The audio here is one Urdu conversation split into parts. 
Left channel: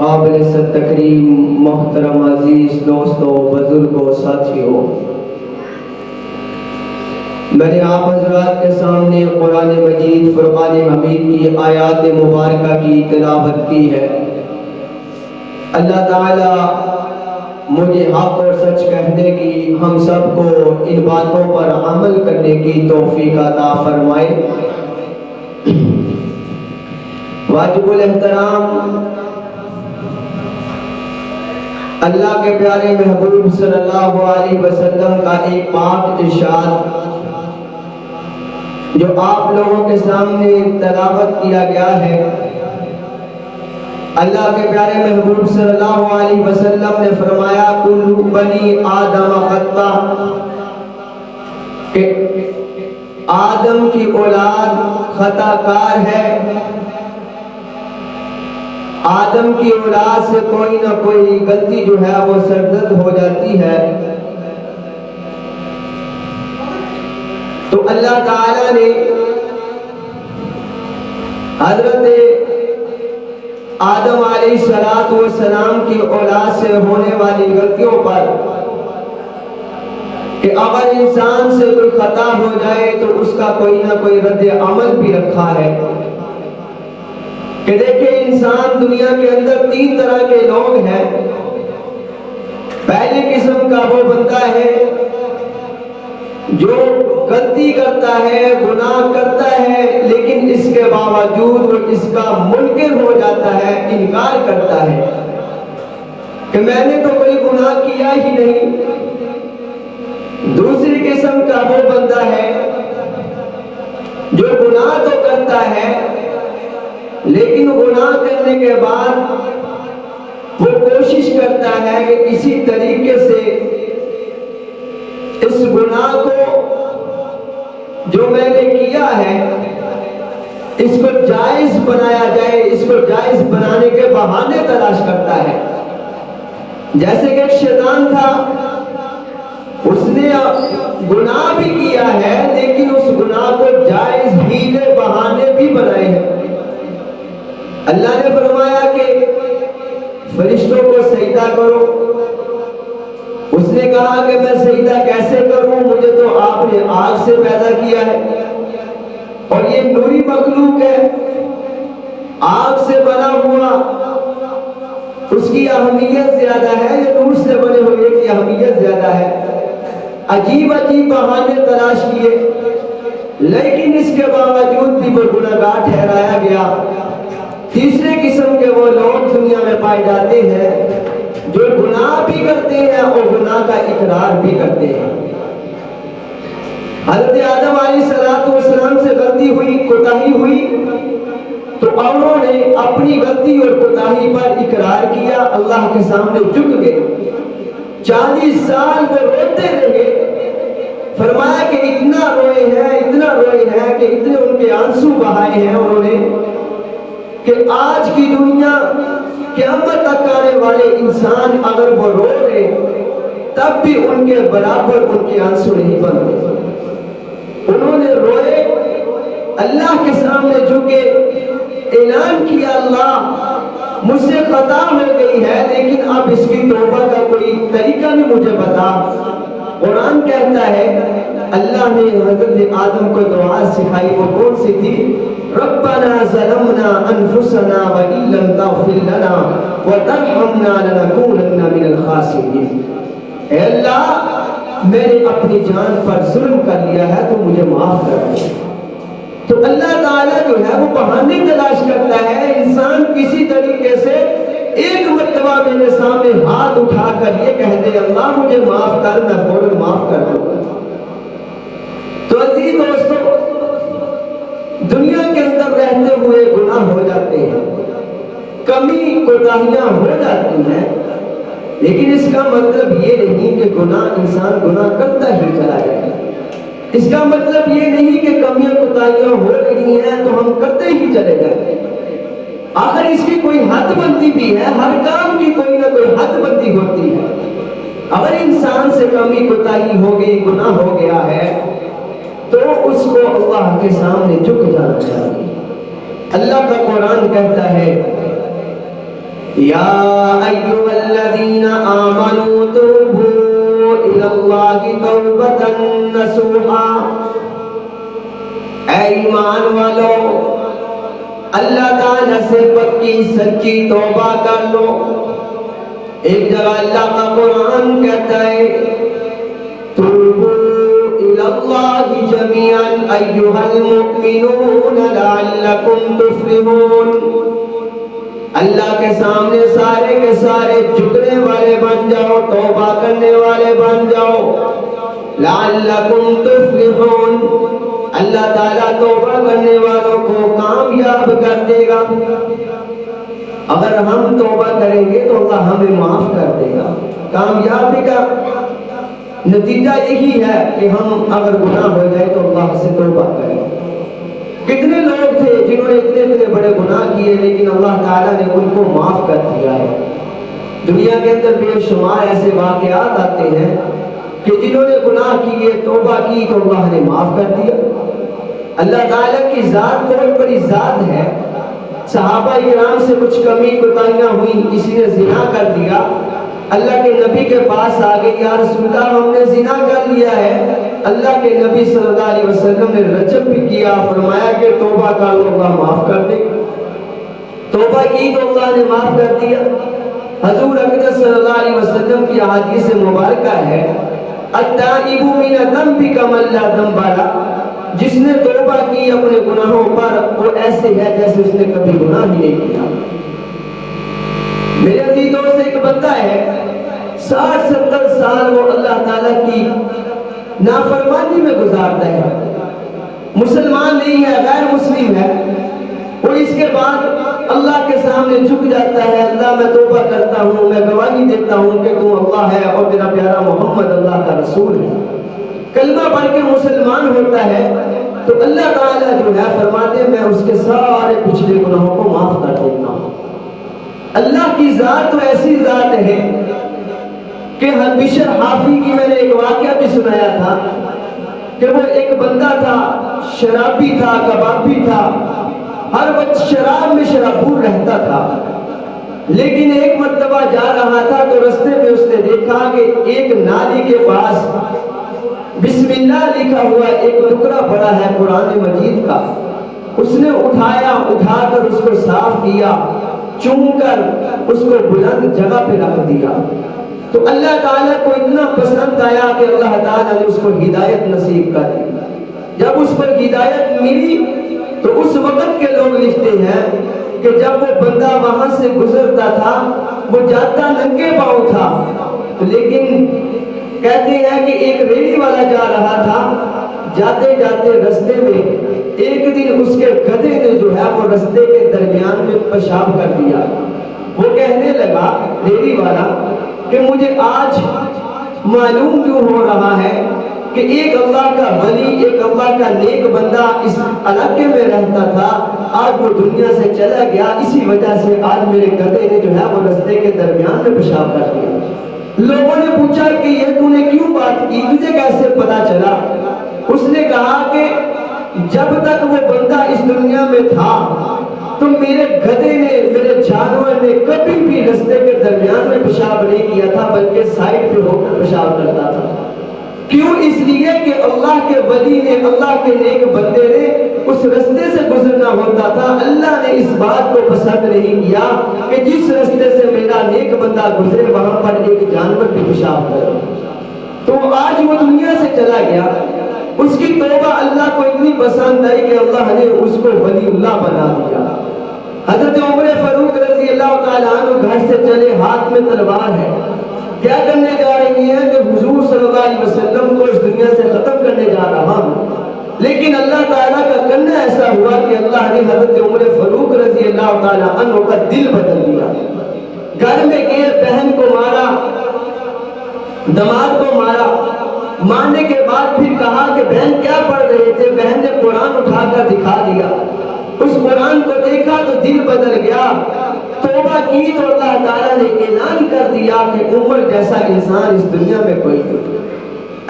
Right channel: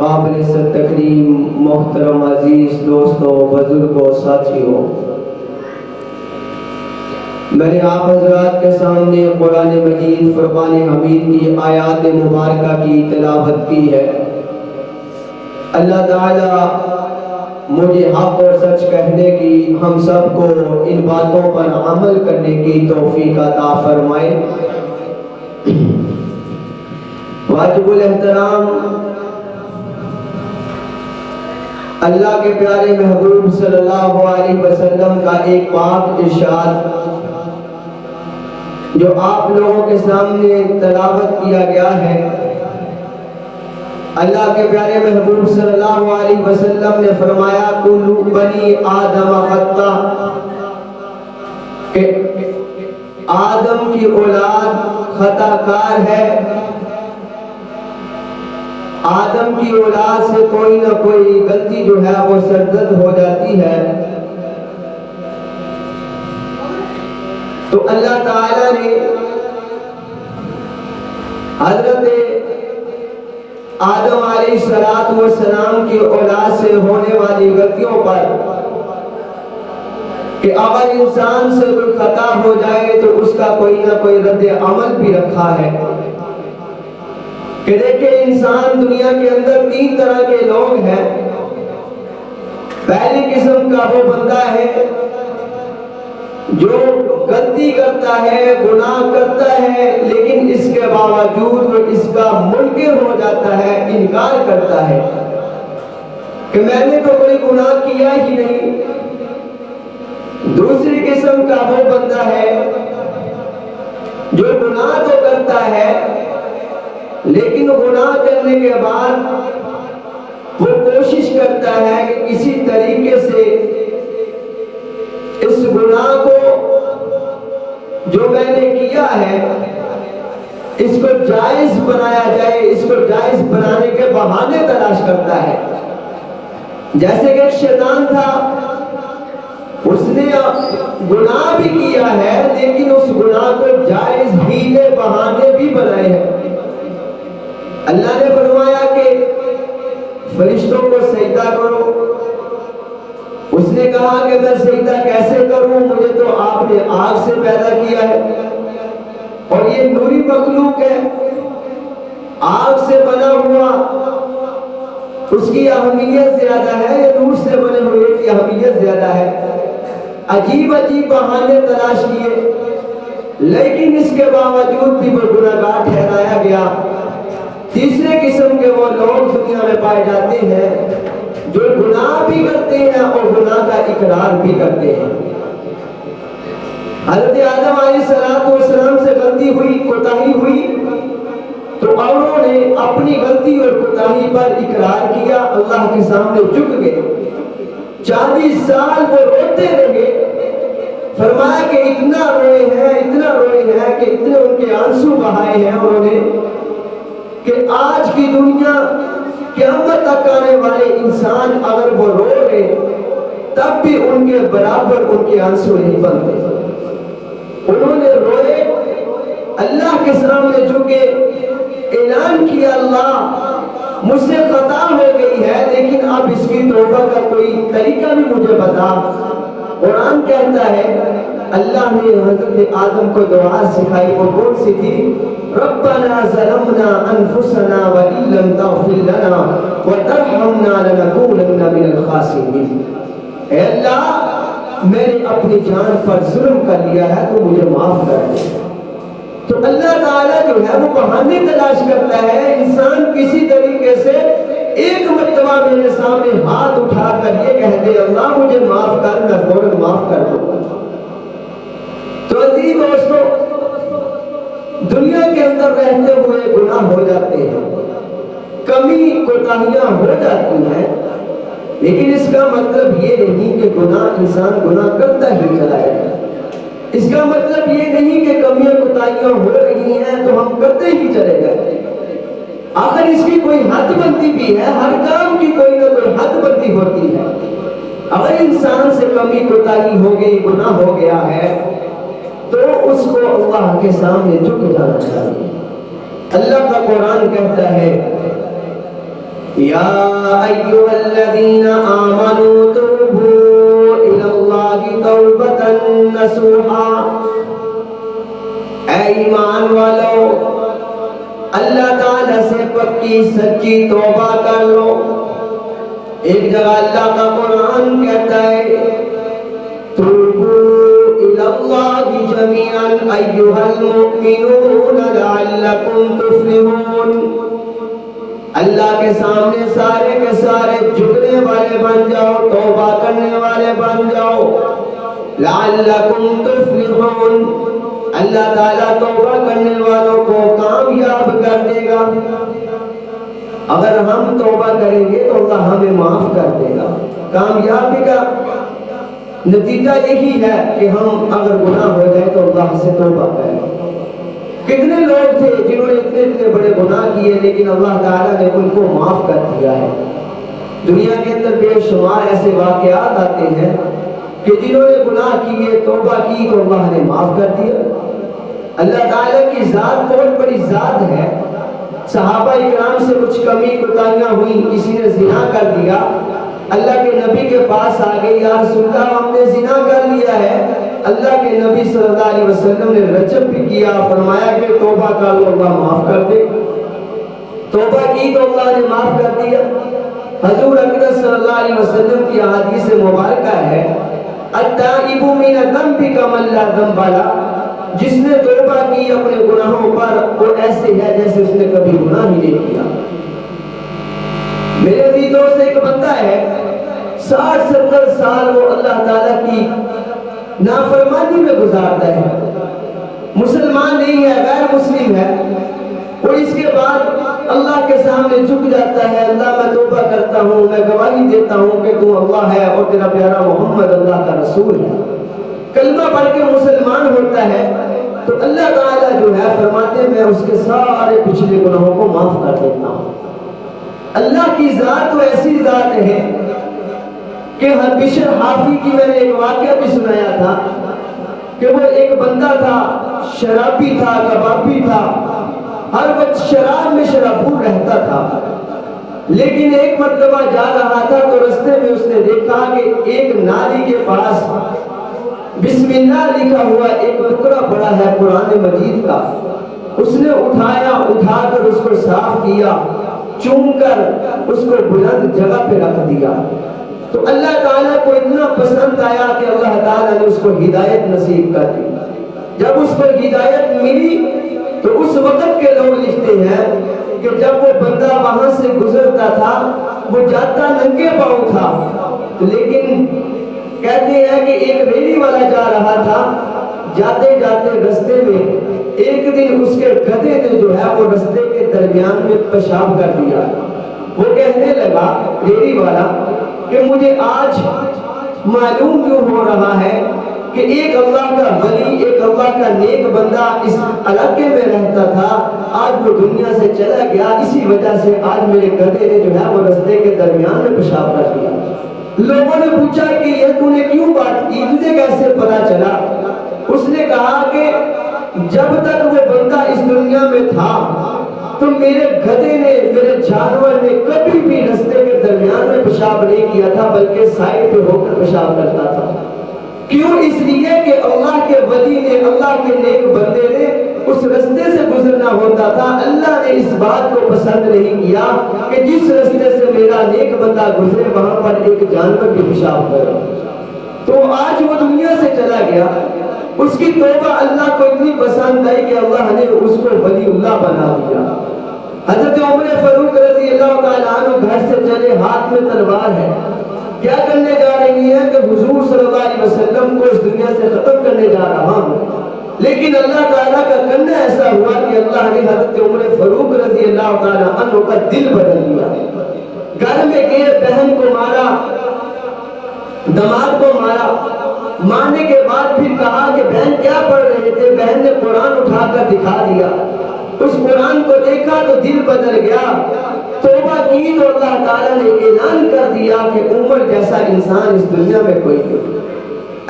قابل تکریم محترم عزیز دوستوں، بزرگوں، ساتھیوں، میں نے آپ حضرات کے سامنے قرآن مجید فرقان حمید کی آیات مبارکہ کی تلاوت کی ہے۔ اللہ تعالی مجھے حق اور سچ کہنے کی، ہم سب کو ان باتوں پر عمل کرنے کی توفیق عطا فرمائے۔ واجب الاحترام اللہ کے پیارے محبوب صلی اللہ علیہ وسلم کا ایک پاک ارشاد جو آپ لوگوں کے سامنے تلاوت کیا گیا ہے۔ اللہ کے پیارے محبوب صلی اللہ علیہ وسلم نے فرمایا کل بنی آدم خطا، کہ آدم کی اولاد خطا کار ہے۔ آدم کی اولاد سے کوئی نہ کوئی غلطی جو ہے وہ سرزد ہو جاتی ہے۔ تو اللہ تعالیٰ نے حضرت آدم علیہ السلام کی اولاد سے ہونے والی غلطیوں پر کہ اگر انسان سے کوئی خطا ہو جائے تو اس کا کوئی نہ کوئی رد عمل بھی رکھا ہے کہ دیکھیں انسان دنیا کے اندر تین طرح کے لوگ ہیں۔ پہلی قسم کا وہ بندہ ہے جو غلطی کرتا ہے، گناہ کرتا ہے، لیکن اس کے باوجود وہ اس کا منکر ہو جاتا ہے، انکار کرتا ہے کہ میں نے تو کوئی گناہ کیا ہی نہیں۔ دوسری قسم کا وہ بندہ ہے جو گناہ تو کرتا ہے لیکن گناہ کرنے کے بعد وہ کوشش کرتا ہے کہ کسی طریقے سے اس گناہ کو جو میں نے کیا ہے اس کو جائز بنایا جائے، اس کو جائز بنانے کے بہانے تلاش کرتا ہے۔ جیسے کہ شیطان تھا، اس نے گناہ بھی کیا ہے لیکن اس گناہ کو جائز ہیلے بہانے بھی بنائے ہیں۔ اللہ نے فرمایا کہ فرشتوں کو سجدہ کرو، اس نے کہا کہ میں سجدہ کیسے کروں، مجھے تو آپ نے آگ سے پیدا کیا ہے اور یہ نوری مخلوق ہے، آگ سے بنا ہوا، اس کی اہمیت زیادہ ہے یا نور سے بنے ہوئے کی اہمیت زیادہ ہے۔ عجیب عجیب بہانے تلاش کیے لیکن اس کے باوجود بھی وہ گناہگار ٹھہرایا گیا۔ تیسرے قسم کے وہ لوگ دنیا میں پائے جاتے ہیں جو گناہ بھی کرتے ہیں اور گناہ کا اقرار بھی کرتے ہیں۔ حضرت آدم علیہ السلام سے غلطی ہوئی، کوتاہی ہوئی، تو انہوں نے اپنی غلطی اور کوتاہی پر اقرار کیا، اللہ کے سامنے جھک گئے۔ 40 سال وہ روتے رہے، فرمایا کہ اتنا روئے ہیں کہ اتنے ان کے آنسو بہائے ہیں انہوں نے کہ آج کی دنیا قیامت تک آنے والے انسان اگر وہ رو رہے تب بھی ان کے برابر ان کے آنسو نہیں بنتے۔ انہوں نے روئے، اللہ کے سامنے جھکے، اعلان کیا اللہ مجھ سے خطا ہو گئی ہے لیکن اب اس کی توبہ کا کوئی طریقہ بھی مجھے بتا۔ قرآن کہتا ہے اللہ نے حضرت آدم کو دعا سکھائی، وہ کون سی تھی؟ ربنا ظلمنا انفسنا وان لم تغفر لنا وترحمنا لنكونن من الخاسرین۔ اے اللہ میں نے اپنی جان پر ظلم کر لیا ہے تو مجھے معاف کر دے۔ تو اللہ تعالیٰ جو ہے وہ بہانے تلاش کرتا ہے، انسان کسی طریقے سے ایک مرتبہ میرے سامنے ہاتھ اٹھا کر یہ کہہ دے اللہ مجھے معاف کر، میں فوراً معاف کر دوں۔ تو عزیز دوستو، دنیا کے اندر رہتے ہوئے گناہ ہو جاتے ہیں، کمی کوتاہیاں ہو جاتی ہیں، لیکن اس کا مطلب یہ نہیں کہ انسان گناہ کرتا ہی چلا جائے۔ اس کا مطلب یہ نہیں کہ کمیاں کوتاہیاں ہو رہی ہیں تو ہم کرتے ہی چلے جائیں۔ آخر اس کی کوئی حد بندی بھی ہے، ہر کام کی کوئی نہ کوئی حد بندی ہوتی ہے۔ اگر انسان سے کمی کوتاہی ہو گئی، گناہ ہو گیا ہے تو اس کو اللہ کے سامنے جھک جانا چاہیے۔ اللہ کا قرآن کہتا ہے یا ایھا الذین آمنوا توبوا الی اللہ توبۃ نصوحا، اے ایمان والو اللہ تعالیٰ سے پکی سچی توبہ کر لو۔ ایک جگہ اللہ کا قرآن کہتا ہے توبوا الی اللہ جمیعا ایھا المؤمنون لعلکم تفلحون، اللہ کے سامنے سارے کے سارے جھکنے والے بن جاؤ، توبہ کرنے والے بن جاؤ، لعلکم تفلحون، اللہ تعالیٰ توبہ کرنے والوں کو کامیاب کر دے گا۔ اگر ہم توبہ کریں گے تو اللہ ہمیں معاف کر دے گا۔ کامیابی کا نتیجہ یہی ہے کہ ہم اگر گناہ ہو جائے تو اللہ سے توبہ کریں۔ کتنے لوگ تھے جنہوں نے اتنے بڑے گناہ کیے لیکن اللہ تعالیٰ نے ان کو معاف کر دیا ہے۔ دنیا کے اندر بے شمار ایسے واقعات آتے ہیں کہ جنہوں نے گناہ کیے توبہ کی تو اللہ نے معاف کر دیا۔ اللہ تعالیٰ کی ذات بہت بڑی ذات ہے۔ صحابہ کرام سے کچھ کمی کوتاہیاں ہوئی، کسی نے زنا کر دیا، اللہ کے نبی کے پاس آ گئی، یا رسول اللہ ہم نے زنا کر لیا ہے۔ اللہ کے نبی صلی اللہ علیہ وسلم نے رجب بھی کیا، فرمایا کہ توبہ کر لو اللہ معاف کر دے۔ توبہ کی تو اللہ نے معاف کر دیا۔ حضور اقدس صلی اللہ علیہ وسلم کی احادیث مبارکہ ہے التائب من الذنب کمن لا ذنب لہ، جس نے توبہ کی اپنے گناہوں پر وہ ایسے ہے جیسے اس نے کبھی گناہ ہی نہیں کیا۔ میرے عزیزوں سے ایک بندہ ہے 60-70 سال وہ اللہ تعالیٰ کی نافرمانی میں گزارتا ہے، مسلمان نہیں ہے، غیر مسلم ہے، اور اس کے بعد اللہ کے سامنے جھک جاتا ہے، اللہ میں توبہ کرتا ہوں، میں گواہی دیتا ہوں کہ تو اللہ ہے اور تیرا پیارا محمد اللہ کا رسول ہے۔ کلمہ پڑھ کے مسلمان ہوتا ہے تو اللہ تعالیٰ جو ہے فرماتے ہیں میں اس کے سارے پچھلے گناہوں کو معاف کر دیتا ہوں۔ اللہ کی ذات تو ایسی ذات ہے کہ بشر حافی کی میں نے ایک واقعہ بھی سنایا تھا کہ وہ ایک بندہ تھا، شرابی تھا، کبابی تھا، ہر وقت شراب میں شرابور رہتا تھا، لیکن ایک مرتبہ جا رہا تھا تو رستے میں اس نے دیکھا کہ ایک نالی کے پاس بسم اللہ لکھا ہوا ایک ٹکڑا پڑا ہے قرآن مجید کا۔ اس نے اٹھا کر اس کو صاف کیا، چوم کر اس کو بلند جگہ پہ رکھ دیا۔ تو اللہ تعالیٰ کو اتنا پسند آیا کہ اللہ تعالیٰ نے اس کو ہدایت نصیب کر دی۔ جب اس پر ہدایت ملی تو اس وقت کے لوگ لکھتے ہیں کہ جب وہ بندہ وہاں سے گزرتا تھا وہ جاتا ننگے پاؤں تھا، لیکن کہتے ہیں کہ ایک ریلی والا جا رہا تھا، جاتے جاتے رستے میں ایک دن اس کے گدھے نے جو ہے وہ رستے کے درمیان میں پیشاب کر دیا۔ وہ کہنے لگا ریلی والا کہ مجھے آج معلوم کیوں ہو رہا ہے کہ ایک اللہ کا ولی، ایک اللہ کا نیک بندہ اس علاقے میں رہتا تھا، آج وہ دنیا سے چلا گیا، اسی وجہ سے آج میرے گدھے نے جو ہے وہ رستے کے درمیان میں پیشاب کر دیا۔ لوگوں نے پوچھا کہ یہ تو نے کیوں بات کی، تجھے کیسے پتا چلا؟ اس نے کہا کہ جب تک وہ بندہ اس دنیا میں تھا تو میرے گدھے نے، میرے جانور نے کبھی بھی رستے کے درمیان میں پیشاب نہیں کیا تھا، بلکہ سائڈ پہ ہو کر پیشاب کرتا تھا۔ کیوں؟ اس لیے کہ اللہ کے ولی نے، اللہ کے نیک بندے نے اس رستے سے گزرنا ہوتا تھا۔ اللہ نے اس بات کو پسند نہیں کیا کہ جس رستے سے میرا نیک بندہ گزرے وہاں پر ایک جانور بھی پیشاب کرے۔ تو آج وہ دنیا سے چلا گیا، اس کی توبہ اللہ کو اتنی پسند آئی کہ اللہ نے اس کو ولی اللہ بنا دیا۔ حضرت عمر فاروق رضی اللہ تعالیٰ عنہ گھر سے چلے، ہاتھ میں تلوار ہے، کیا کرنے جا رہی ہیں کہ حضور صلی اللہ علیہ وسلم کو اس دنیا سے ختم کرنے جا رہا ہوں، لیکن اللہ تعالیٰ کا کرنا ایسا ہوا کہ اللہ نے حضرت عمر فاروق رضی اللہ تعالیٰ عنہ کا دل بدل دیا۔ گھر میں گئے، بہن کو مارا، دماغ کو مارا، مارنے کے بعد پھر کہا کہ بہن کیا پڑھ رہے تھے؟ بہن نے قرآن اٹھا کر دکھا دیا، اس قرآن کو دیکھا تو دل بدل گیا، توبہ کی تو اللہ تعالیٰ نے اعلان کر دیا کہ عمر جیسا انسان اس دنیا میں کوئی نہیں۔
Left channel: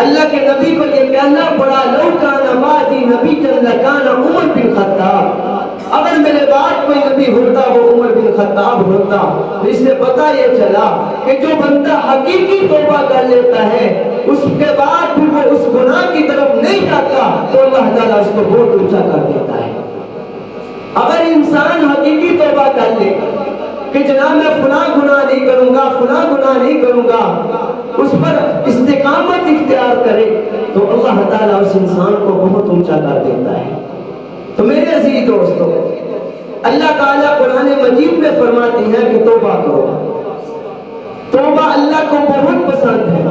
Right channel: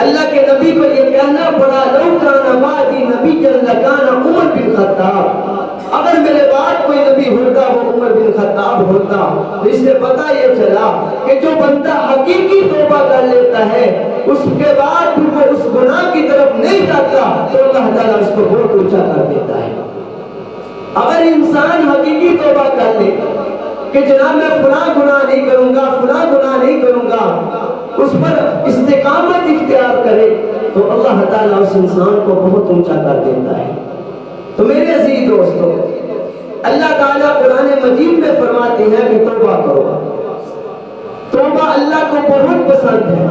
اللہ کے نبی کو یہ کہنا پڑا لو کان بعدی نبی لکان عمر بن خطاب، اگر میرے بعد کوئی نبی ہوتا وہ عمر بن خطاب ہوتا تو اس سے پتہ یہ چلا کہ جو بندہ حقیقی توبہ کر لیتا ہے اس کے بعد بھی وہ اس گناہ کی طرف نہیں جاتا تو اللہ تعالیٰ اس کو بہت اونچا کر دیتا ہے۔ اگر انسان حقیقی توبہ کر لے کہ جناب میں فلاں گناہ نہیں کروں گا، فلاں گناہ نہیں کروں گا، اس پر استقامت اختیار کرے تو اللہ تعالیٰ اس انسان کو بہت اونچا کر دیتا ہے۔ تو میرے عزیز دوستو، اللہ تعالیٰ قرآن مجید میں فرماتے ہیں کہ توبہ کرو۔ توبہ اللہ کو بہت پسند ہے،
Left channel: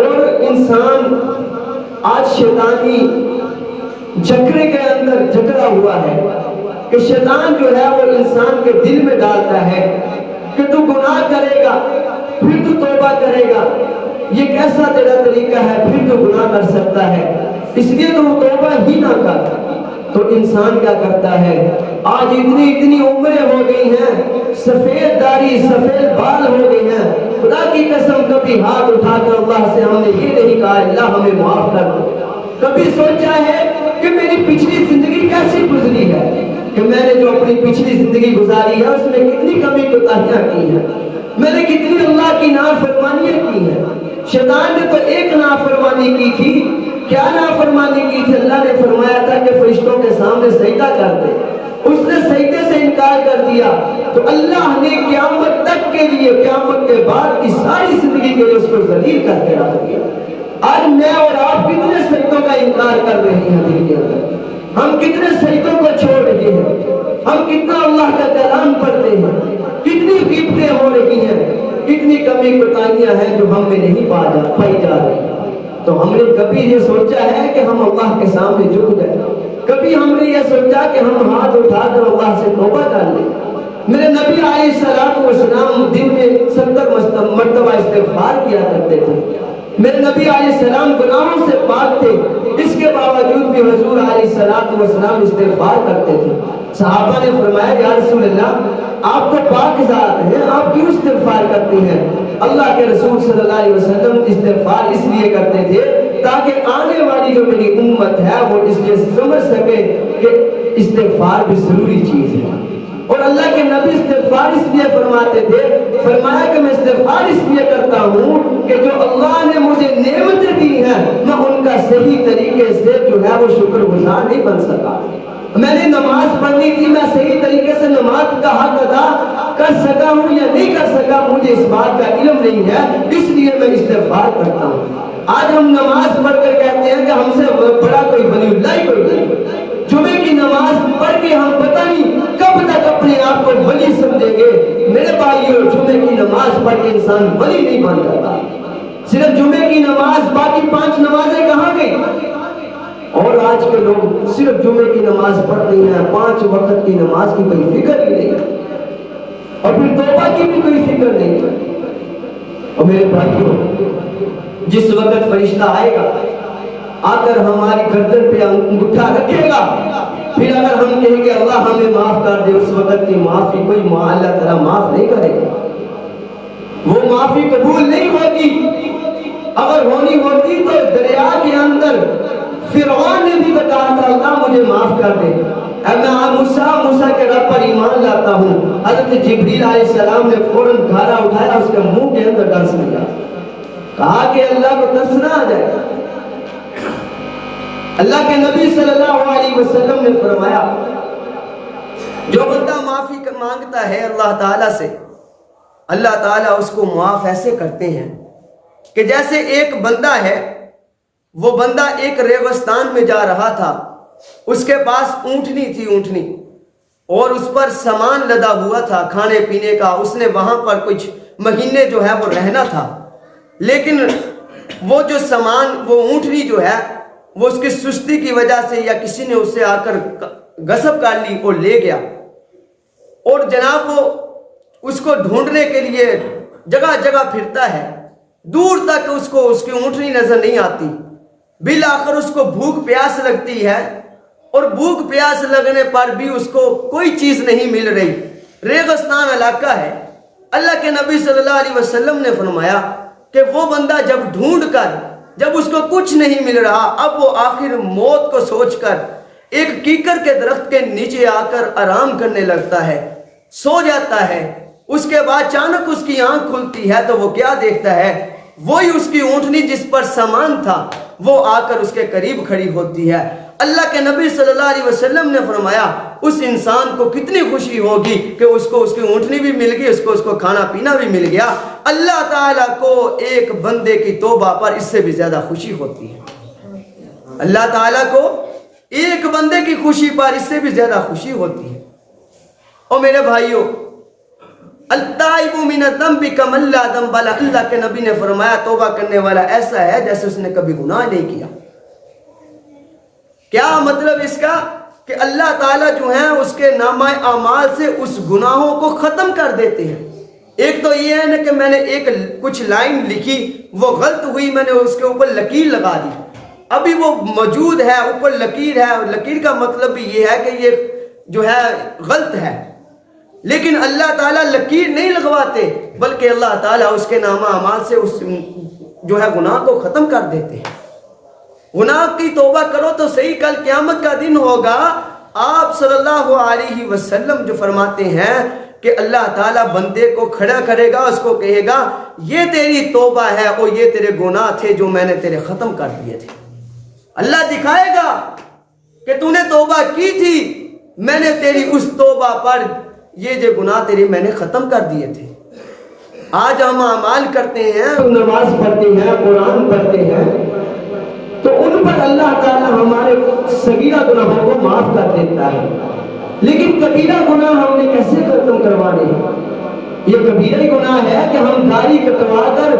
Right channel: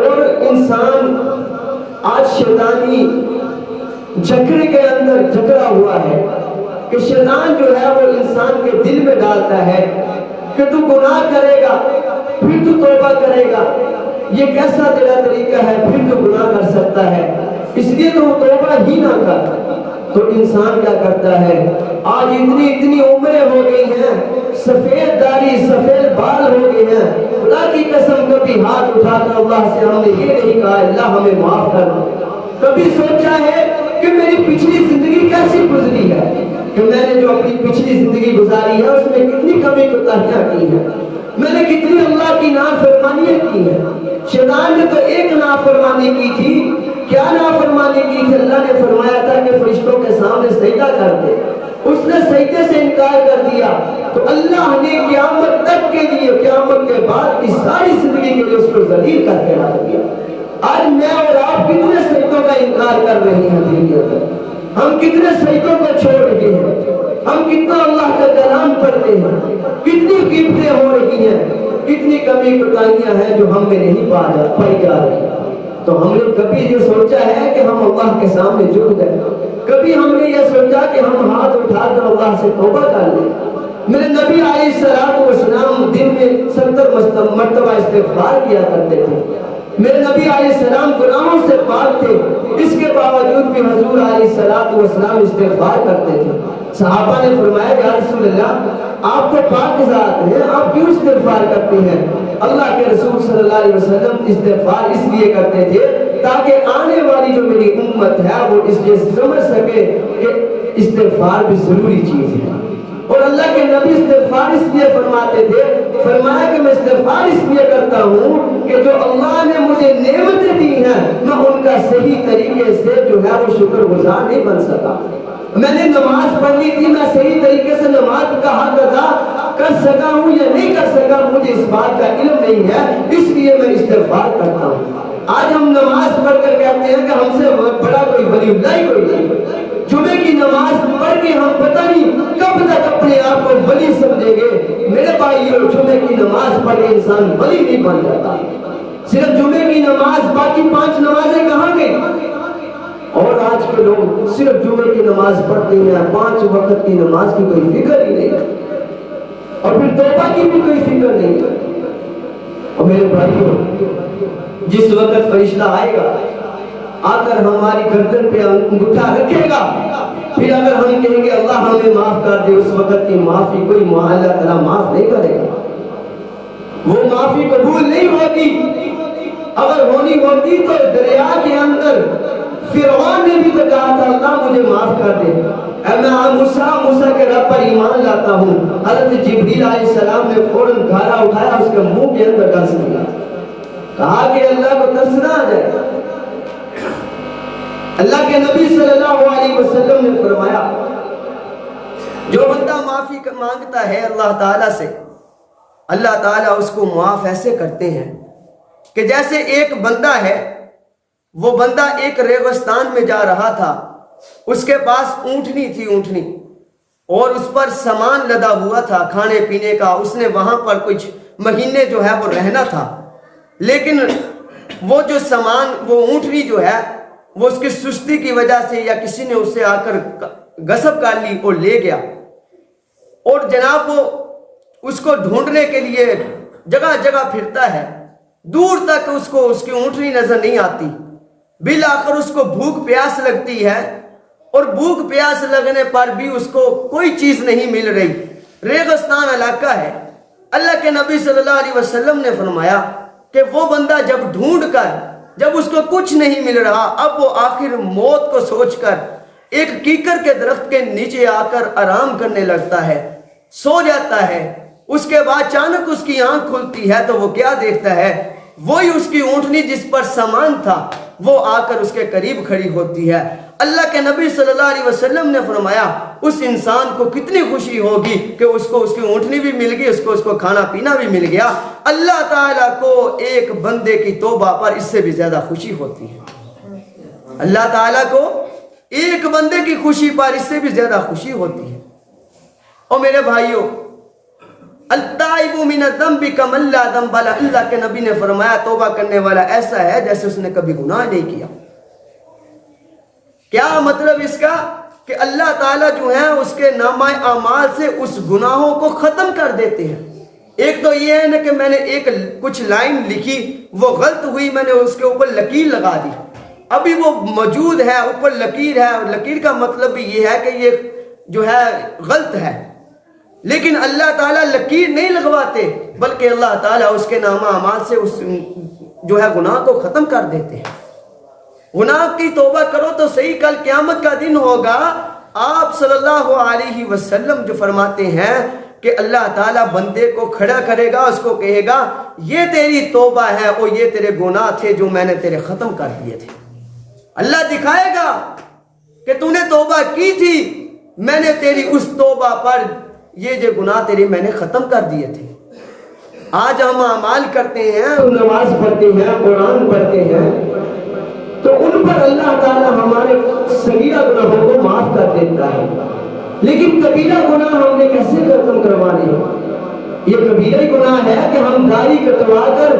اور انسان آج شیطانی جھگڑے کے اندر جھگڑا ہوا ہے کہ شیطان جو ہے وہ انسان کے دل میں ڈالتا ہے کہ تو گناہ کرے گا پھر تو توبہ کرے گا، یہ کیسا تیرا طریقہ ہے، پھر تو گناہ کر سکتا ہے، اس لیے تو توبہ ہی نہ کر۔ تو انسان کیا کرتا ہے، آج اتنی عمریں ہو گئی ہیں، سفید داڑھی سفید بال ہو گئے ہیں، خدا کی قسم کبھی ہاتھ اٹھا کر اللہ سے ہم نے یہ نہیں کہا اللہ ہمیں معاف کر دو، کبھی سوچا ہے کہ میری پچھلی زندگی کیسی گزری ہے، کہ میں نے جو اپنی پچھلی زندگی گزاری ہے اس میں کتنی کمی کوتاہیاں کی ہیں، میں نے کتنی اللہ کی نافرمانیاں کی ہیں۔ شیطان نے تو ایک نافرمانی کی تھی، کیا نافرمانی کی تھی؟ اللہ نے فرمایا تھا کہ فرشتوں کے سامنے سجدہ کر دے، اس نے سجدے سے انکار کر دیا تو اللہ نے قیامت تک کے لیے، قیامت کے بعد کی ساری زندگی کے لیے اس کو ذلیل کر کے رکھ دیا۔ آج میں اور آپ کتنے سجدوں کا انکار کر رہے ہیں دنیا میں، ہم کتنے سجدوں کو چھوڑ رہے ہیں، ہم کتنا اللہ کا کلام پڑھتے ہیں، کتنی غیبتیں ہو رہی ہیں، کتنی کمی کوتاہیاں ہیں جو ہم میں نہیں پائی جا رہی۔ تو ہم نے کبھی یہ سوچا ہے کہ ہم اللہ کے سامنے جھک گئے؟ کبھی ہم نے یہ سوچا کہ ہم ہاتھ اٹھا کر اللہ سے توبہ کر لیں؟ میرے نبی علیہ السلام والسلام دن میں 70 مرتبہ استغفار کیا کرتے تھے، میرے نبی علیہ السلام گناہوں سے پاک تھے، اس کے باوجود بھی حضور علیہ السلام استغفار کرتے تھے۔ صحابہ نے فرمایا یا رسول اللہ آپ تو پاک ذات ہیں، آپ کیوں استغفار کرتے ہیں؟ اللہ کے رسول صلی اللہ علیہ وسلم استغفار اس لیے کرتے تھے تاکہ آنے والی جو میری امت ہے وہ اس لیے سمجھ سکے کہ استغفار بھی ضروری چیز ہے۔ اور اللہ کے نبی استغفار اس لیے فرماتے تھے، فرمایا کہ میں استغفار اس لیے کرتا ہوں کہ جو اللہ نے مجھے نعمتیں دی ہیں میں ان کا صحیح طریقے سے جو ہے وہ شکر گزار نہیں بن سکا۔ میں نے نماز پڑھنی تھی، میں صحیح طریقے سے نماز کا حق ادا کر سکا ہوں یا نہیں کر سکا مجھے اس بات کا علم نہیں ہے، اس لیے میں استغفار کرتا ہوں۔ آج ہم نماز پڑھ کر کہتے ہیں کہ ہم سے بڑا کوئی ولی اللہ ہی کوئی نہیں۔ جمعے کی نماز پڑھ کے ہم پتہ نہیں کب تک اپنے آپ کو ولی سمجھیں گے۔ میرے بھائیو، جمعے کی نماز پڑھ کے انسان ولی نہیں بن جاتا۔ صرف جمعے کی نماز، باقی 5 نمازیں کہاں گئی؟ اور آج کے لوگ صرف جمعے کی نماز پڑھتے ہیں، 5 وقت کی نماز کی کوئی فکر ہی نہیں، اور پھر توبہ کی بھی کوئی فکر نہیں۔ اور میرے بھائیو، جس وقت فرشتہ آئے گا آ کر ہماری گردن پہ انگوٹھا رکھے گا، پھر اگر ہم کہیں گے اللہ ہمیں معاف کر دے، اس وقت کی معافی کوئی اللہ تعالیٰ معاف نہیں کرے گا، وہ معافی قبول نہیں ہوگی۔ اگر ہونی ہوتی تو دریا کے اندر فرعون نے بھی تو کہا تھا اللہ مجھے معاف کر دے، اے میں موسیٰ کے رب پر ایمان لاتا ہوں۔ حضرت جبریل علیہ السلام نے فوراً گھاڑا اٹھایا، اس کے منہ کے اندر ڈس دیا، کہا کہ اللہ کو ترس نہ آ جائے۔ اللہ کے نبی صلی اللہ علیہ وسلم نے فرمایا جو بندہ معافی مانگتا ہے اللہ تعالیٰ سے، اللہ تعالیٰ اس کو معاف ایسے کرتے ہیں کہ جیسے ایک بندہ ہے، وہ بندہ ایک ریگستان میں جا رہا تھا، اس کے پاس اونٹنی تھی، اونٹنی، اور اس پر سامان لدا ہوا تھا کھانے پینے کا، اس نے وہاں پر کچھ مہینے جو ہے وہ رہنا تھا، لیکن وہ جو سامان، وہ اونٹنی جو ہے وہ اس کی سستی کی وجہ سے یا کسی نے اسے آ کر غصب کر لی اور لے گیا، اور جناب وہ اس کو ڈھونڈنے کے لیے جگہ جگہ پھرتا ہے، دور تک اس کو اس کی اونٹنی نظر نہیں آتی، بالآخر اس کو بھوک پیاس لگتی ہے، اور بھوک پیاس لگنے پر بھی اس کو کوئی چیز نہیں مل رہی، ریگستان علاقہ ہے۔ اللہ کے نبی صلی اللہ علیہ وسلم نے فرمایا کہ وہ بندہ جب ڈھونڈ کر جب اس کو کچھ نہیں مل رہا، اب وہ آخر موت کو سوچ کر ایک کیکر کے درخت کے نیچے آ کر آرام کرنے لگتا ہے۔ سو جاتا ہے، اس کے بعد اچانک اس کی آنکھ کھلتی ہے تو وہ کیا دیکھتا ہے؟ وہی اس کی اونٹنی جس پر سامان تھا وہ آ کر اس کے قریب کھڑی ہوتی ہے۔ اللہ کے نبی صلی اللہ علیہ وسلم نے فرمایا اس انسان کو کتنی خوشی ہوگی کہ اس کو اس کی اونٹنی بھی مل گئی، اس کو کھانا پینا بھی مل گیا۔ اللہ تعالیٰ کو ایک بندے کی توبہ پر اس سے بھی زیادہ خوشی ہوتی ہے۔ اللہ تعالیٰ کو ایک بندے کی خوشی پر اس سے بھی زیادہ خوشی ہوتی ہے۔ اور میرے بھائیوں، التائب من الذنب کمن لا ذنب لہ، اللہ کے نبی نے فرمایا توبہ کرنے والا ایسا ہے جیسے اس نے کبھی گناہ نہیں کیا۔ کیا مطلب اس کا؟ کہ اللہ تعالیٰ جو ہے اس کے نامہ اعمال سے اس گناہوں کو ختم کر دیتے ہیں۔ ایک تو یہ ہے نا کہ میں نے کچھ لائن لکھی، وہ غلط ہوئی، میں نے اس کے اوپر لکیر لگا دی، ابھی وہ موجود ہے، اوپر لکیر ہے، اور لکیر کا مطلب بھی یہ ہے کہ یہ جو ہے غلط ہے، لیکن اللہ تعالیٰ لکیر نہیں لگواتے، بلکہ اللہ تعالیٰ اس کے نامہ اعمال سے اس جو ہے گناہ کو ختم کر دیتے ہیں۔ گناہ کی توبہ کرو تو صحیح، کل قیامت کا دن ہوگا، آپ صلی اللہ علیہ وسلم جو فرماتے ہیں کہ اللہ تعالیٰ بندے کو کھڑا کرے گا، اس کو کہے گا یہ تیری توبہ ہے اور یہ تیرے گناہ تھے جو میں نے تیرے ختم کر دیے تھے۔ اللہ دکھائے گا کہ تو نے توبہ کی تھی، میں نے تیری اس توبہ پر یہ جو گناہ تیرے میں نے ختم کر دیے تھے۔ آج ہم اعمال کرتے ہیں، نماز پڑھتے ہیں، قرآن پڑھتے ہیں، تو ان پر اللہ تعالیٰ ہمارے صغیرہ گناہوں کو معاف کر دیتا ہے، لیکن کبیرہ گناہ ہم نے کیسے ختم کروانے ہیں؟ یہ کبیرہ گناہ ہے کہ ہم داڑھی کٹوا کر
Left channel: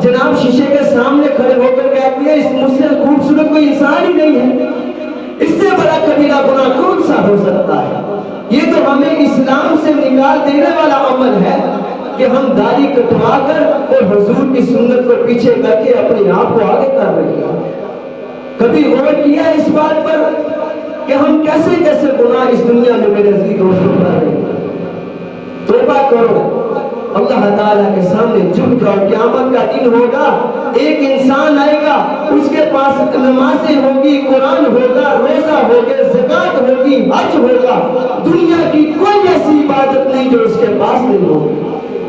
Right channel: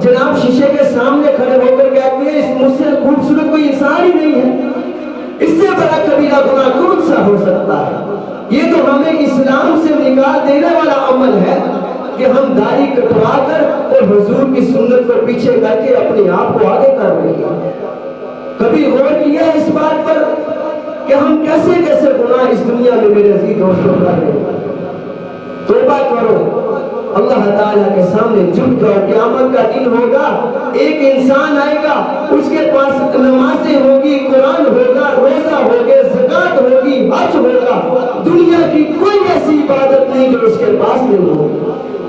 جناب شیشے کے سامنے کھڑے ہو کر کہتے ہیں اس مجھ سے خوبصورت کوئی انسان ہی نہیں ہے۔ اس سے بڑا کبیرہ گناہ کون سا ہو سکتا ہے؟ یہ تو ہمیں اسلام سے نکال دینے والا عمل ہے کہ ہم داڑھی کٹوا کر اور حضور کی سنت کو پیچھے کر کے اپنے آپ کو آگے کر رہے ہیں۔ کبھی غور کیا اس بات پر کہ ہم کیسے کیسے گناہ اس دنیا میں میرے عزیز دوستوں کر رہے ہیں؟ توبہ کرو، اللہ تعالیٰ کے سامنے جھک جاؤ۔ قیامت کا دن ہوگا، ایک انسان آئے گا، اس کے پاس نمازیں ہوگی، قرآن ہوگا، روزہ ہوگا، زکوٰۃ ہوگی، حج ہوگا، دنیا کی کوئی ایسی عبادت نہیں جو اس کے پاس نہیں ہوگی،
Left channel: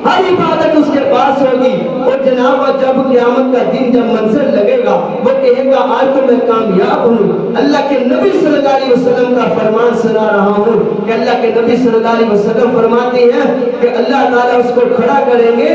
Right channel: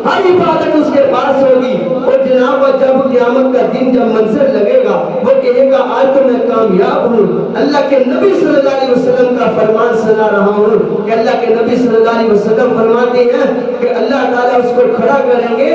ہر عبادت اس کے پاس ہوگی۔ اور جناب جب قیامت کا دن جب منظر لگے گا، وہ کہے گا آج تو میں کامیاب ہوں۔ اللہ کے نبی صلی اللہ علیہ وسلم کا فرمان سنا رہا ہوں کہ اللہ کے نبی صلی اللہ علیہ وسلم فرماتے ہیں کہ اللہ تعالیٰ اس کو کھڑا کریں گے،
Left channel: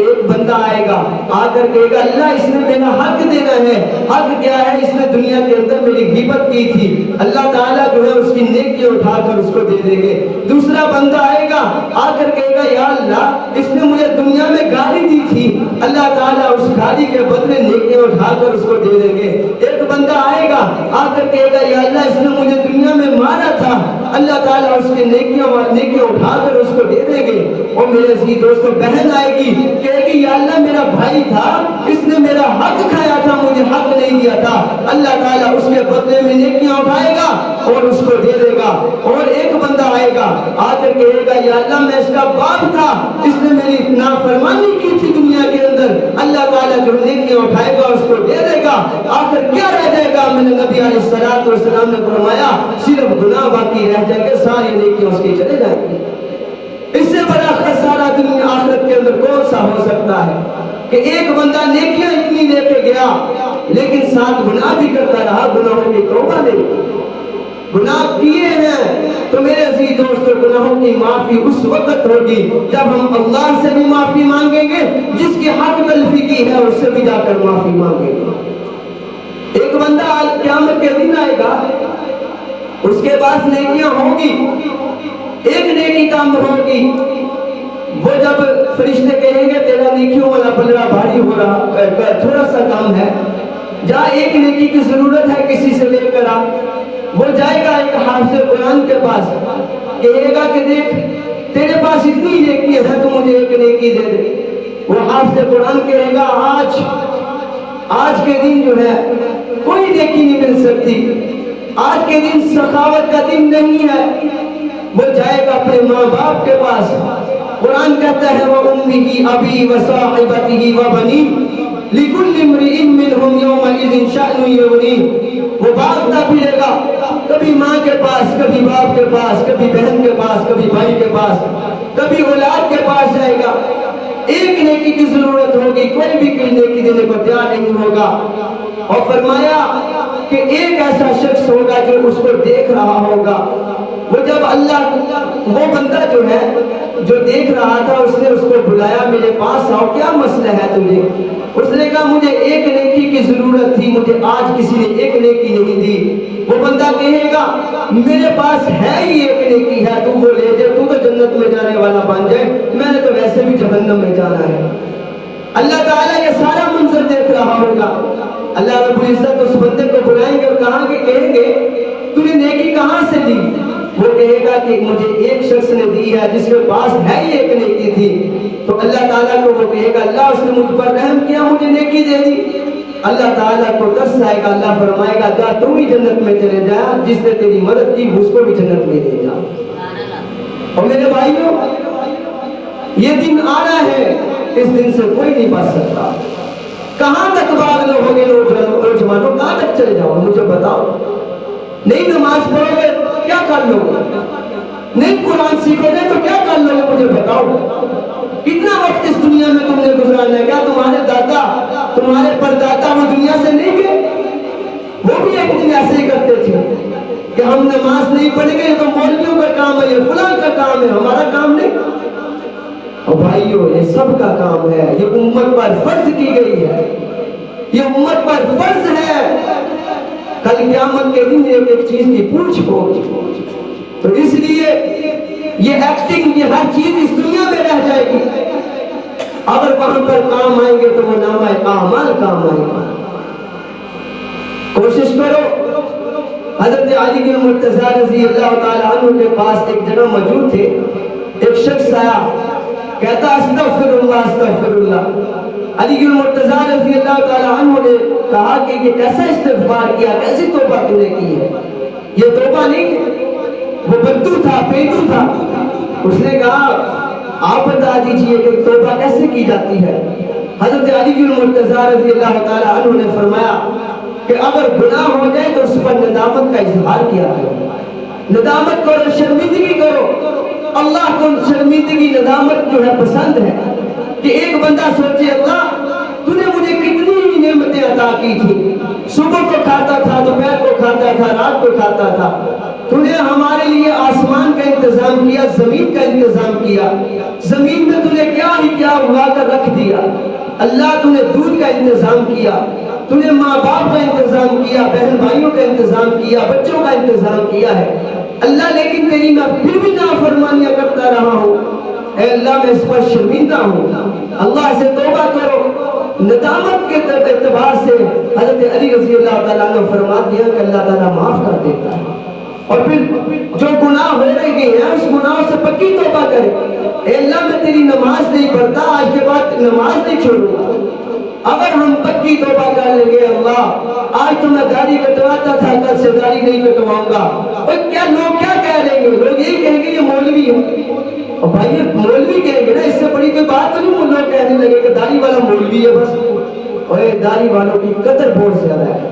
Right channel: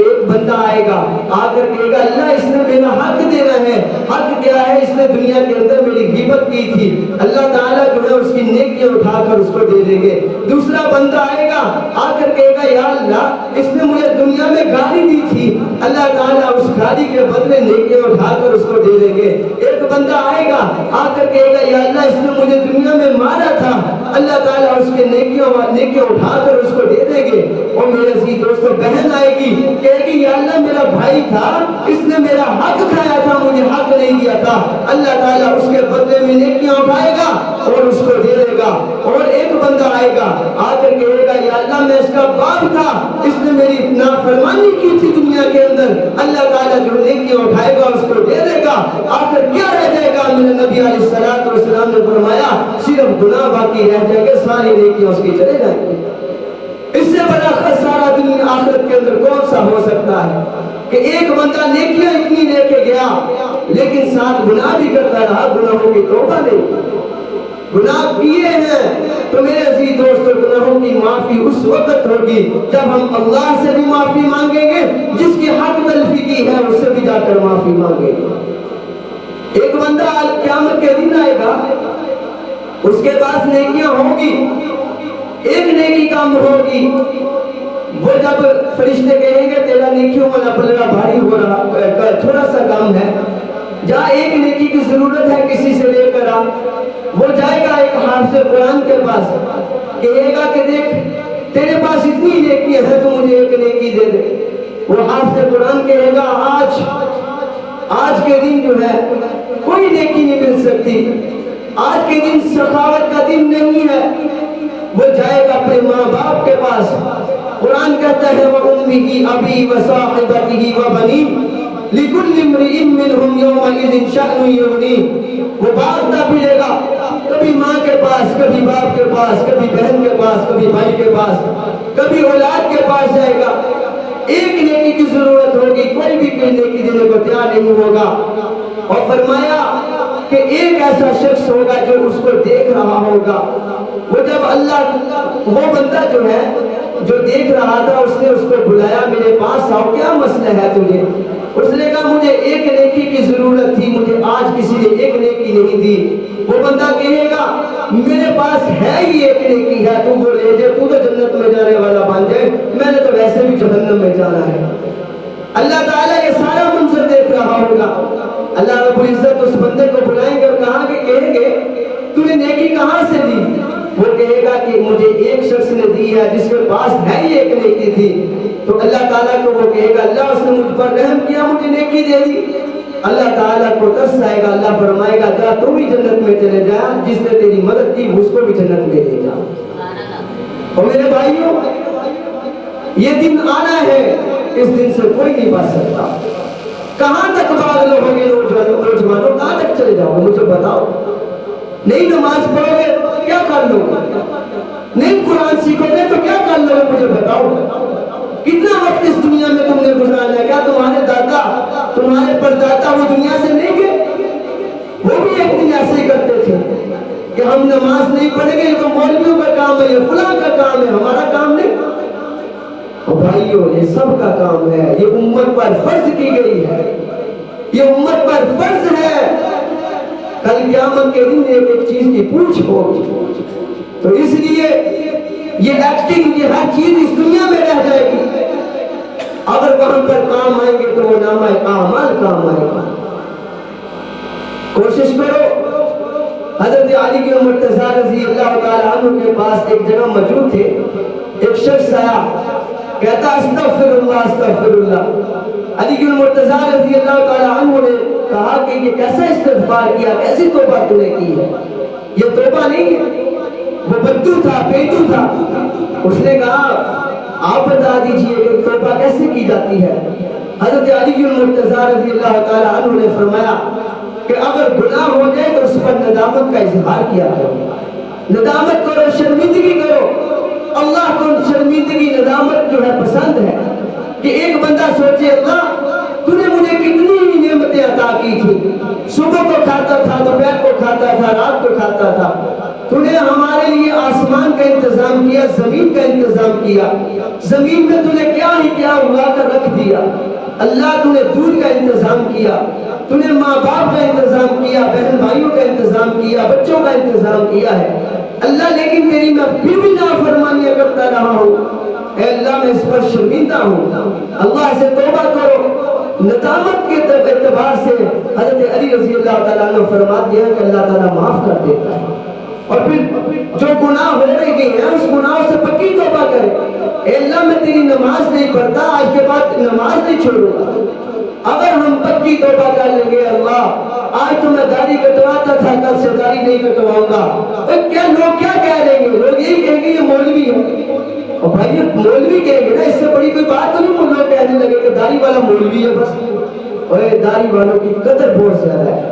ایک بندہ آئے گا، آ کر کہے گا اللہ اس نے میرا حق دینا ہے۔ حق کیا ہے؟ اس نے دنیا کے اندر میری غیبت کی تھی، اللہ تعالیٰ جو ہے اس کی نیکیاں اٹھا کر اس کو دے دیں گے۔ دوسرا بندہ آئے گا، آ کر کہے گا یا اللہ اس نے مجھے دنیا میں گالی دی تھی، اللہ تعالیٰ اس گالی کے بدلے نیکیاں اٹھا کر اس کو دے دیں گے۔ ایک بندہ آئے گا، آ کر کہے گا یا اللہ اس نے مجھے دنیا میں مارا تھا، اللہ تعالیٰ اس کے نیکیاں اٹھا کر اس کو دے دیں گے۔ اور میرے عزیز دوستوں، بہن آئے گی، کہے گی یا اللہ میرا بھائی تھا، اس نے میرا حق کھایا تھا، مجھے حق نہیں دیا تھا، اللہ تعالیٰ اس کے بدلے میں نیکیاں اٹھائے گا اور اس کو دے دے گا۔ اور ایک بندہ آئے گا، آ کر کہے گا یا اللہ میں اس کا باپ تھا، اس نے میری نافرمانی کی تھی دنیا کے اندر، اللہ تعالیٰ جو نیکیاں اٹھائے گا اس کو دے دے گا۔ آخر کیا رہ جائے گا؟ میرے نبی علیہ الصلوۃ والسلام نے فرمایا صرف گناہ باقی رہ جائے گا، ساری نیکیاں اس کی چلے جائیں گی۔ اس سے بڑا خسارہ دنیا آخرت کے اندر کون سا ہو سکتا ہے کہ ایک بندہ نیکیاں اتنی لے کے گیا لیکن ساتھ گناہ بھی کرتا رہا، گناہوں کی توبہ نہیں۔ گناہ کیے ہیں تو میرے عزیز دوستوں گناہوں کی معافی اس وقت ہوگی جب ہم اللہ سے بھی معافی مانگیں گے، جس کی حق تلفی کی ہے اس سے بھی جا کر معافی مانگیں گے۔ ایک بندہ آج قیامت کے دن آئے گا، اس کے پاس نیکیاں ہوگی، ایک نیکی کام ہوگی، وہ جب فرشتے کہیں گے تیرا نیکیوں والا پلڑا بھاری ہو رہا، تھوڑا سا کام ہے، جہاں ایک نیکی کی ضرورت ہے کسی سے لے کر آ، وہ جائے گا ایک حافظ قرآن کے پاس، کہے گا کہ دیکھ تیرے پاس اتنی نیکی ہے تو مجھے ایک نیکی دے دے۔ وہ حافظ قرآن کہے گا آج کے دن جو ہے کوئی نیکی نہیں مل سکتی، آج کے دن سخاوت کا دن نہیں ہے۔ وہ جائے گا اپنے ماں باپ کے پاس، قرآن کہتا ہے وَأُمِّهِ أَبِي وَصَاحِبَتِهِ وَبَنِيهِ لِكُلِّ امْرِئٍ مِّنْهُمْ يَوْمَئِذٍ شَأْنٌ يُغْنِيهِ۔ وہ بھاگتا پھرے گا، کبھی ماں کے پاس، کبھی باپ کے پاس، کبھی بہن کے پاس، کبھی بھائی کے پاس، کبھی اولاد کے پاس جائے گا. ایک نیکی کی ضرورت ہوگی، کوئی بھی کوئی نیکی دینے کو تیار نہیں ہوگا. اور فرمایا کہ ایک ایسا شخص ہوگا جو اس کو دیکھ رہا ہوگا. وہ جب اللہ، وہ بندہ جو ہے جو دیکھ رہا تھا، اس نے اس کو بلایا، میرے پاس آؤ، کیا مسئلہ ہے تجھے؟ اس نے کہا مجھے ایک نیکی کی ضرورت تھی، مجھے آج کسی نے ایک نیکی نہیں دی. وہ بندہ کہے گا میرے پاس ہے ہی ایک نیکی ہے، تو وہ لے جائے، تو جنت میں جانے والا بن جائے، میں نے تو ویسے بھی جہنم میں جانا ہے. اللہ تعالیٰ یہ سارا منظر دیکھ رہا ہوگا. اللہ رب العزت اس بندے کو بلائیں گے اور کہیں گے تو نے نیکی کہاں سے لی؟ وہ کہے گا کہ مجھے ایک شخص نے دی ہے جس کے پاس ہے ہی ایک نیکی تھی. تو اللہ تعالیٰ کو وہ کہے گا اللہ اس نے مجھ پر رحم کیا، مجھے نیکی دے دی. اللہ تعالیٰ کو ترس آئے گا، اللہ فرمائے گا جا تم بھی جنت میں چلے جا، جس نے تیری مدد کی اس کو بھی جنت میں لے جا. اور میرے بھائیوں، یہ دن آنا ہے، اس دن سے کوئی نہیں بچ سکتا. کہاں تک بھاگ لو گے نوجوانوں، کہاں تک چلے جاؤ گے مجھے بتاؤ؟ نہیں نماز پڑھو گے کیا کر لو گے؟ نہیں قرآن سیکھو گے تو کیا کر لو گے مجھے بتاؤ؟ کتنا وقت اس دنیا میں تم نے گزارنا ہے؟ کیا تمہارے دادا، تمہارے پردادا وہ دنیا سے نہیں گئے؟ وہ بھی ایک دن ایسے ہی کرتے تھے کہ ہم نماز نہیں پڑھیں گے، یہ تو مولویوں کا کام ہے، یہ فلاں کا کام ہے، ہمارا کام نہیں. اور بھائیو یہ سب کا کام ہے، یہ امت پر فرض کی گئی ہے، یہ امت پر فرض ہے. کل قیامت کے دن ایک ایک چیز کی پوچھ ہوگی. تو اس لیے یہ ایکٹنگ، یہ ہر چیز اس دنیا میں رہ جائے گی. اگر وہاں پر کام آئیں گے تو وہ نامہ اعمال کام آئے گا. کوشش کرو. حضرت علی المرتضیٰ رضی اللہ تعالی عنہ کے پاس ایک جگہ موجود تھے. ایک شخص آیا، کہتا استغفر اللہ استغفر اللہ. علی المرتضیٰ رضی اللہ تعالی عنہ نے کہا کہ یہ کیسا استغفار کیا، کیسی توبہ تو نے کی ہے؟ یہ توبہ نہیں ہے، وہ بدو تھا، پیدو تھا. اس نے کہا آپ بتا دیجئے کہ توبہ کیسے کی جاتی ہے؟ حضرت علی المرتضیٰ رضی اللہ تعالی عنہ نے فرمایا کہ اگر گناہ ہو جائے تو اس پر ندامت کا اظہار کیا کرو، ندامت کرو، شرمندگی کرو. اللہ کو شرمندگی، ندامت جو ہے پسند ہے. کہ ایک بندہ سوچے اللہ تو نے مجھے کتنی نعمتیں عطا کی تھی، صبح کو کھاتا تھا، دوپہر کو کھاتا تھا، رات کو کھاتا تھا. تو نے ہمارے لیے آسمان کا انتظام کیا، زمین کا انتظام کیا، زمین میں تو نے کیا ہی کیا اگا کر رکھ دیا. اللہ تو نے دودھ کا انتظام کیا، تو نے ماں باپ کا انتظام کیا، بہن بھائیوں کا انتظام کیا، بچوں کا انتظام کیا ہے. اللہ لیکن تیری میں پھر بھی نافرمانیاں کرتا رہا ہوں. اے اللہ میں اس پر شرمندہ ہوں، اللہ سے توبہ کرو. ندامت کے اعتبار سے حضرت علی رضی اللہ تعالیٰ نے فرما دیا کہ اللہ تعالیٰ معاف کر دیتا ہے. اور پھر جو گناہ ہو رہے ہیں اس گناہ سے پکی توبہ کرے. اے اللہ میں تیری نماز نہیں پڑھتا، آج کے بعد نماز نہیں چھوڑوں گا. اگر ہم پکی توبہ کر لیں گے اللہ آج تو میں داڑھی کٹواتا تھا، کل سے داڑھی نہیں کٹواؤں گا. اور کیا لوگ کیا کہہ رہیں گے؟ لوگ یہی کہیں گے یہ مولوی ہے. اور بھائی مولوی کہیں گے نا، اس سے بڑی کوئی بات تو نہیں. لوگ کہنے لگے کہ داڑھی والا مولوی ہے بس. اور یہ داڑھی والوں کی قدر بہت زیادہ ہے.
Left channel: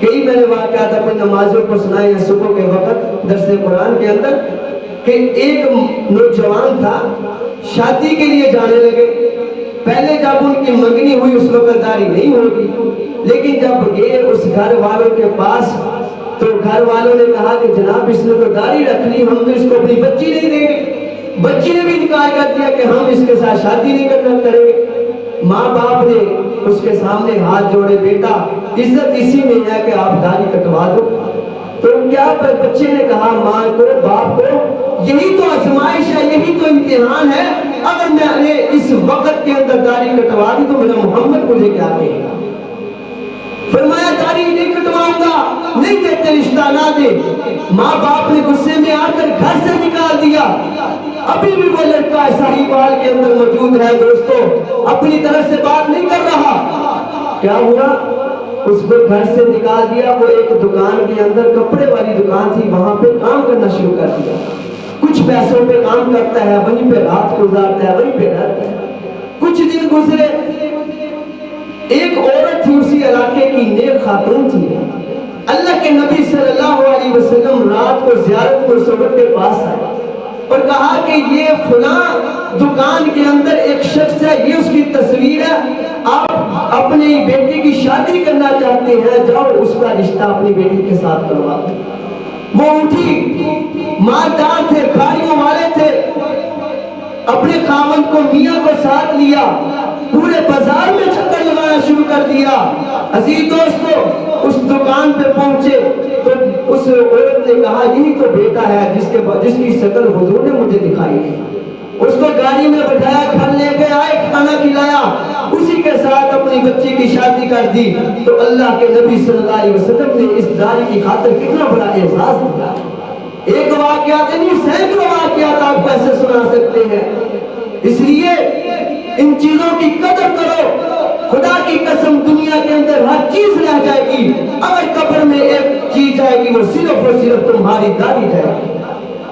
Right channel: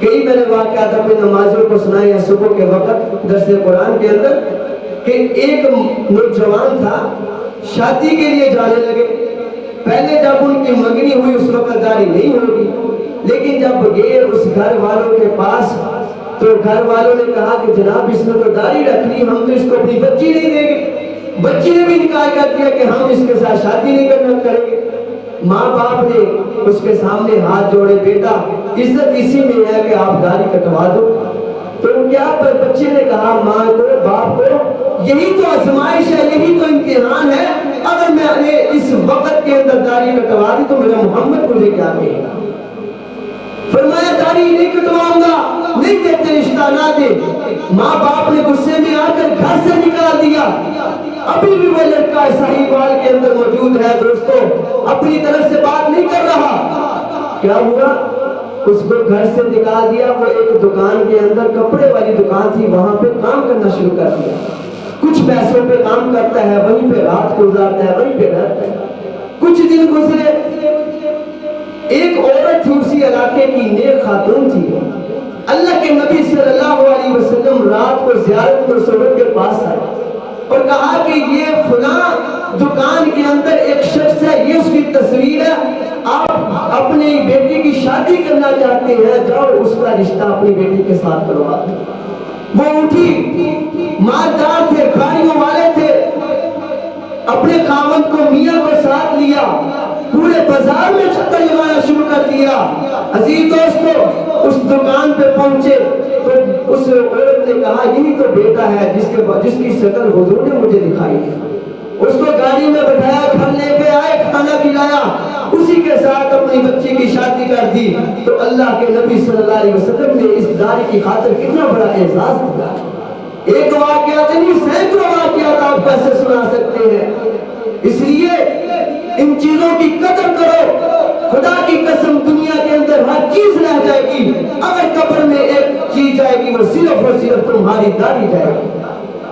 کئی میں نے واقعات اپنے نمازوں کو سنائے ہیں صبح کے وقت درس قرآن کے اندر کہ ایک نوجوان تھا، شادی کے لیے جانے لگے. پہلے جب ان کی منگنی ہوئی اس وقت داڑھی نہیں ہوگی، لیکن جب گئے اس گھر والوں کے پاس تو گھر والوں نے کہا کہ جناب اس نے تو داڑھی رکھ لی، ہم تو اس کو اپنی بچی نہیں دیں گے. بچی نے بھی انکار کر دیا کہ ہم اس کے ساتھ شادی نہیں کرنا کریں گے. ماں باپ نے اس کے سامنے ہاتھ جوڑے، بیٹا عزت اسی میں ہے کہ آپ داڑھی کٹوا دو. تو کیا بچے نے کہا ماں کو، باپ کو یہی تو آزمائش ہے، یہی تو امتحان ہے. اگر میں نے اس وقت کے اندر داڑھی کٹوا دی تو میرا محمد مجھے کیا کہے گا؟ فرمایا داڑھی نہیں کٹواؤں گا، نہیں دیتے رشتہ نہ دے. ماں باپ نے غصے میں آ کر گھر سے نکال دیا. ابھی بھی وہ لڑکا ساہیوال کے اندر موجود ہے دوستو، اپنی طرف سے بات نہیں کر رہا. کیا ہوا؟ اس کو گھر سے نکال دیا. وہ ایک دکان کے اندر، کپڑے والی دکان تھی، وہاں پہ کام کرنا شروع کر دیا. کچھ پیسوں پہ کام کرتا ہے، وہیں پہ رات گزارتا ہے، وہیں پہ رہتا ہے. کچھ دن گزرے، ایک عورت تھی اسی علاقے کی، نیک خاتون تھی، اللہ کے نبی صلی اللہ علیہ وسلم رات کو زیارت میں صحبت کے پاس آئے اور کہا کہ یہ فلاں دکان کے اندر ایک شخص ہے، یہ اس کی تصویر ہے، آپ اپنی بیٹی کی شادی کرنا چاہتے ہیں، جاؤ اس کا رشتہ اپنی بیٹی کے ساتھ کروا دو۔ وہ اٹھی، مالدار تھے، گاڑیوں والے تھے، اپنے خاوند کو میاں کو ساتھ لیا، پورے بازار میں چکر لگانا شروع کر دیا۔ عزیز دوستو، اس دکان پہ پہنچے تو اس عورت نے کہا یہی تو بیٹا ہے جس کی شکل حضور نے مجھے دکھائی ہے۔ اس کو گاڑی میں بٹھایا، گھر لے کے آئے، کھانا کھلایا، اسی کے ساتھ اپنی بچی کی شادی کر دی۔ تو اللہ کے نبی صلی اللہ علیہ وسلم نے اس داری کی خاطر کتنا بڑا اعزاز دیا۔ ایک واقعات نہیں، سینکڑوں واقعات آپ کیسے سنا سکتے ہیں۔ اس لیے ان چیزوں کی قدر کرو۔ خدا کی قسم دنیا کے اندر ہر چیز رہ جائے گی، اگر قبر میں ایک چیز جائے گی وہ صرف اور صرف تمہاری داڑھی جائے گی۔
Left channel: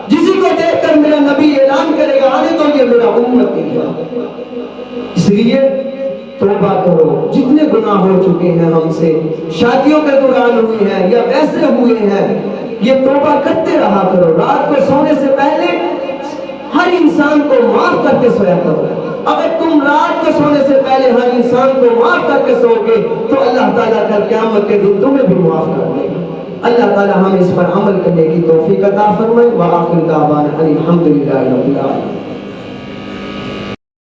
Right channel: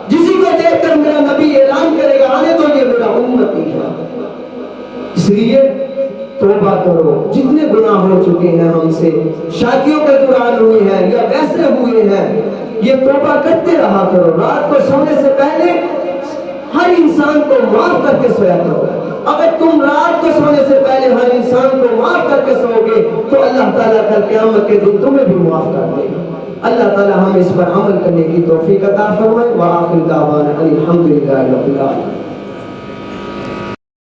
جسی کو دیکھ کر میرا نبی اعلان کرے گا آنے تو یہ میرا امت ہی ہے۔ اس لیے توبہ کرو، جتنے گناہ ہو چکے ہیں ہم سے، شادیوں کے دوران ہوئی ہیں یا ویسے ہوئے ہیں، یہ توبہ کرتے رہا کرو۔ رات کو سونے سے پہلے ہر انسان کو معاف کر کے سویا کرو۔ اگر تم رات کو سونے سے پہلے ہر انسان کو معاف کر کے سو گے تو اللہ تعالیٰ کل قیامت کے دن تمہیں بھی معاف کر دے گا۔ اللہ تعالیٰ ہمیں اس پر عمل کرنے کی توفیق عطا فرمائے۔ وآخر دعوانا الحمدللہ رب العالمین۔